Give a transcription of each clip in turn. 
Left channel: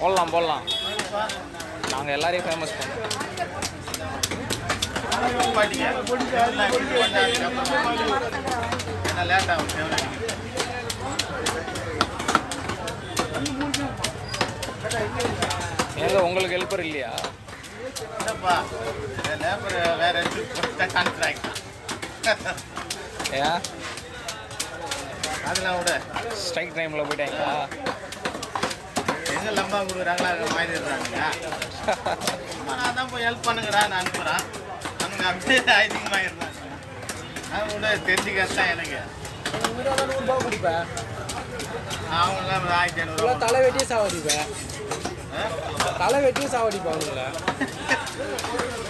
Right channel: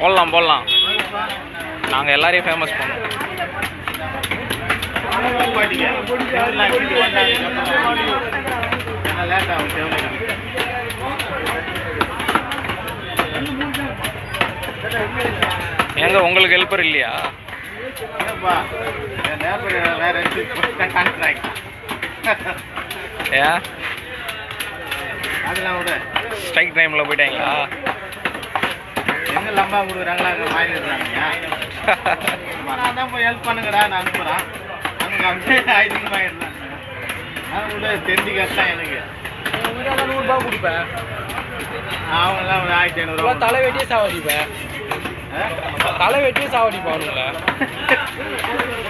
போடலாம் போடலாம். நாங்கள் எல்லாரையும் ஃபேமஸ் பண்ணோம். எங்க உங்களுக்கு ஹெல்ப்பர் இல்லையா? ஏன் அதெல்லாம் விட ஸ்ட்ரைக் டைமில் போயிட்டாங்களா? எங்கே லம்பா கொடுக்குறாங்களா அங்கே மாறி இருந்தாங்கய்யா. நான் தான் போய் ஹெல்ப் பண்ணுங்கடா நான் அனுப்புகிறேன். அங்கே அப்படியே அதிகமாக இருந்தாங்க. அது கூட தெரிஞ்சுக்கத்தான் எனக்கு. ₹100 கொடுப்பேன். அவங்களாம் ஒரு 1500 தலை வெட்டியே சாவடிப்பேன். தலை வெட்டியே சாவடிப்பேன் அவனுங்கள.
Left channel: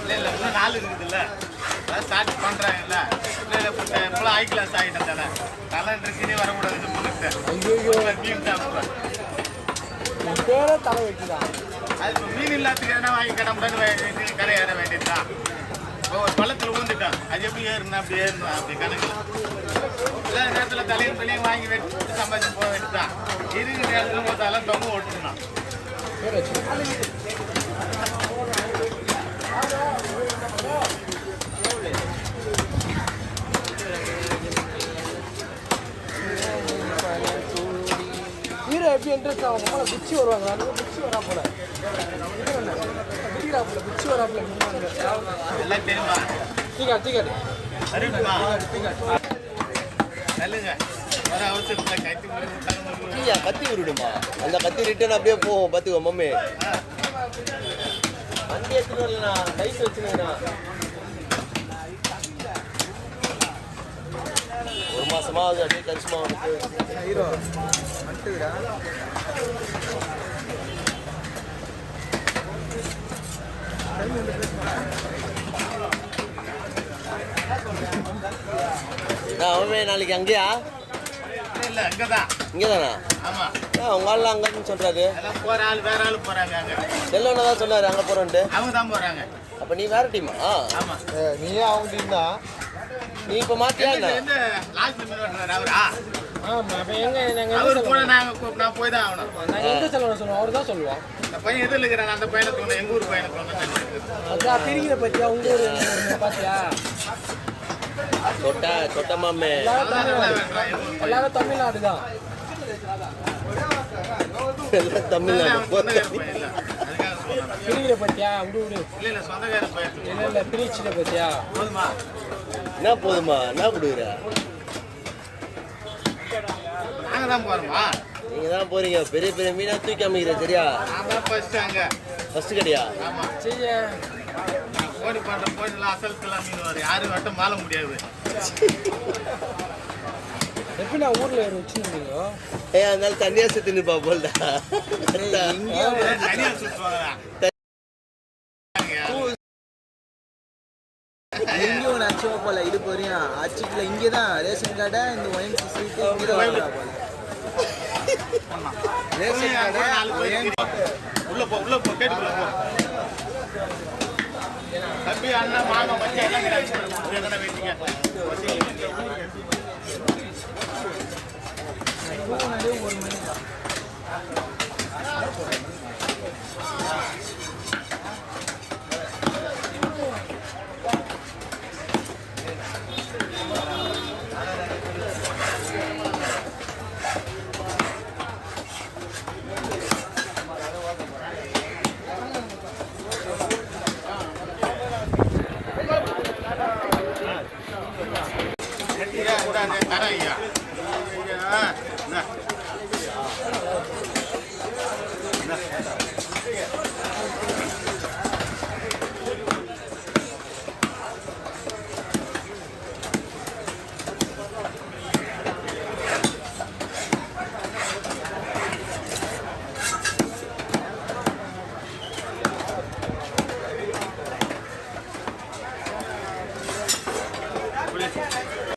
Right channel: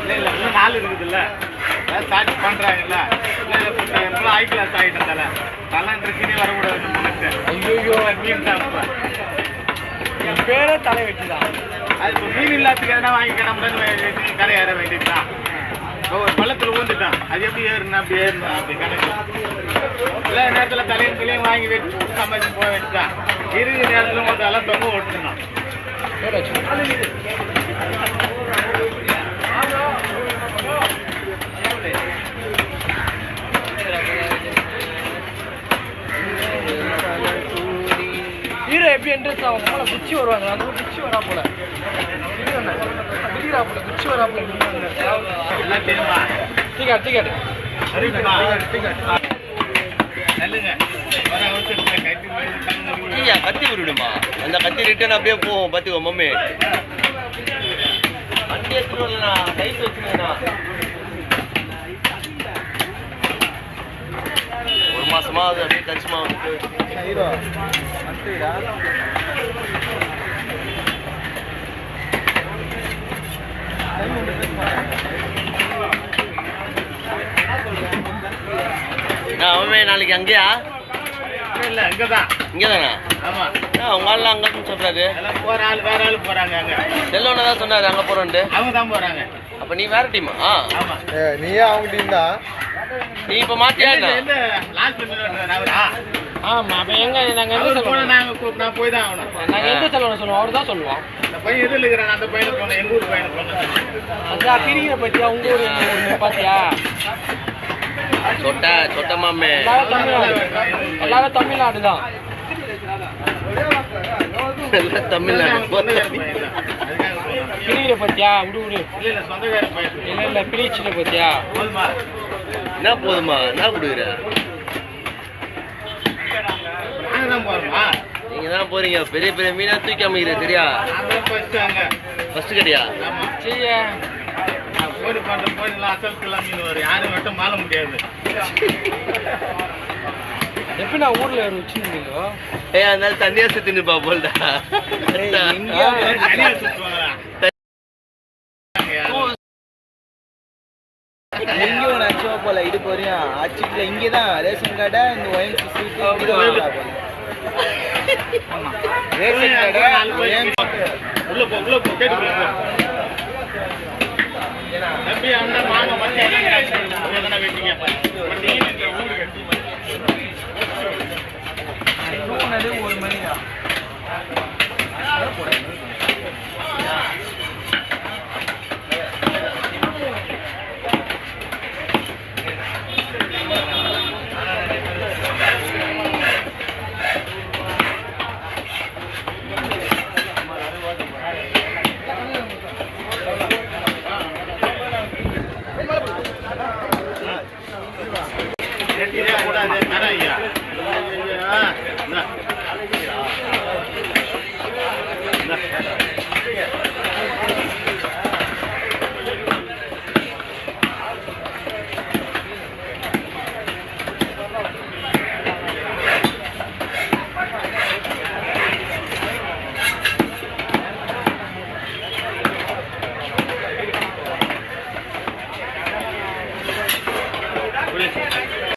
இல்லை இல்லை இன்னும் நாள் இருக்குதுல்ல, அதான் ஸ்டார்ட் பண்ணுறாங்கல்ல. இல்லை இல்லை இப்போ ஹை கிளாஸ் ஆகிட்டேன் தலை ட்ரெஸ்ஸினே வரக்கூடாது. ஐயோ மீன் சாப்பிட்றேன். என் பேரே தலை வெட்டி தான். அது இப்போ மீன் இல்லாததுக்கு எதனா வாங்கி கிடம்பு கரை ஏற வேண்டியது தான். இப்போ ஒரு பள்ளத்தில் ஊந்துட்டான், அது எப்படி ஏறுனா அப்படி ஏறணும் அப்படி கணக்கு. இல்லை நேரத்தில் தலையும் பிள்ளையும் வாங்கி வச்சு சம்பாதிச்சு போக வேண்டியதான். இருக்கிற நேரத்தில் மொத்தம் தொங்க ஓட்டுனான். ஹீரோ எப்படி என்ட்ரன்ஸ் ஆகும் போல குச்சி வருவாங்க. அந்த குச்சி வரா போல குச்சி வரா போல. எல்லாம் தெரியுமா? டிக்கெட் டிக்கெட் நல்லுங்க வர அவசரத்தில் கட்டி கத்தி விடுமா? அந்த கத்தி ரிட்டர்ன் அப்படியே போகும். பார்த்துக்கோ மம்மி வண்டி எடுத்துட்டு வரலண்ணா, டைஸ் வச்சுருங்கண்ணா. ஒரு மாசமா அது அப்படியே கரிசமா வந்துட்டு ஹீரோ அவன் நாளைக்கு அங்கேயா? இல்லை அங்கே தான். இங்கே தானே? ஆமாம். உங்க ஆள் அங்கன்னு சொல்றாரு. எல்லாம் போகிற ஆள் வேற ஆள் போகிறாங்க. அங்கே செல்லோன்னு தான் சொன்னாரு அங்கே போகிறோன்ட்டு. அவங்க தான் போகிறாங்க. அப்போ நீ வேற டீமா? ஆமாம். நீயே அவங்க டீம் தான். நீ இப்போ மாற்றியா? எந்த லான்ச் பண்ணி அவரா? ஆமாம். அப்போ எங்கே நாங்கள் எந்த செல்வம் நான் போய் தான் ஆகணும். நாங்கள் எந்த செல்வம் சொல்லுவோம்? அவர் தான் சொல்லுவோம். இந்த பையன் எதில் இருக்கிறேன், அந்த பையனை போனேன், எங்கள் ஊர் பையனை போனேன். அதான் பிரிக்கிற பற்றியா உங்க ஊர் பார்த்தியா? சொட்ட மாமே எல்லாரும் தமிழ்நாடு தான். தமிழ்நாடு பிரிக்கிற பற்றியா? விடு விடு. இல்லை சொந்தக்கார பையன். இல்லை இல்லை பிரிச்சிட பற்றியா? போதுமா? என்ன போதுமா? என்ன கொடுக்குற? நாங்கள் தான் போகிறோமா? நீங்க தான் போறீங்க. பெரிய பெரிய மீனா தூக்கி அமைக்கிற சரியா? நான் தான் ஃபஸ்ட்டு அங்கே. ஃபர்ஸ்ட் கிடையா? ஆமாம். செய்ய நான் போடி பண்ணுற போடிலாம் அசல்க்கெல்லாம் மீன் வரும். யாரும் மட்டும் மாற முடியாது. எப்படி நான் ஊரில் வேறு வச்சுருந்தீங்க? அதனால தண்ணியா சுத்தி நிப்பா போல்டா. தனியாக சுற்றுவாங்களா? எங்கேயும் அச்சுவா போல இது போறியும் அச்சுக்கல. இங்கே தான் ரேஷன் கடை இந்த ஒயின் ரேஷன் கடை உள்ள போ கேட்டுக்குள்ள போ. தம்பி அண்ணா மாமா மச்சி எதனா வெட்டிங்க. ஒரு மணி கூடாது தர ஐயா.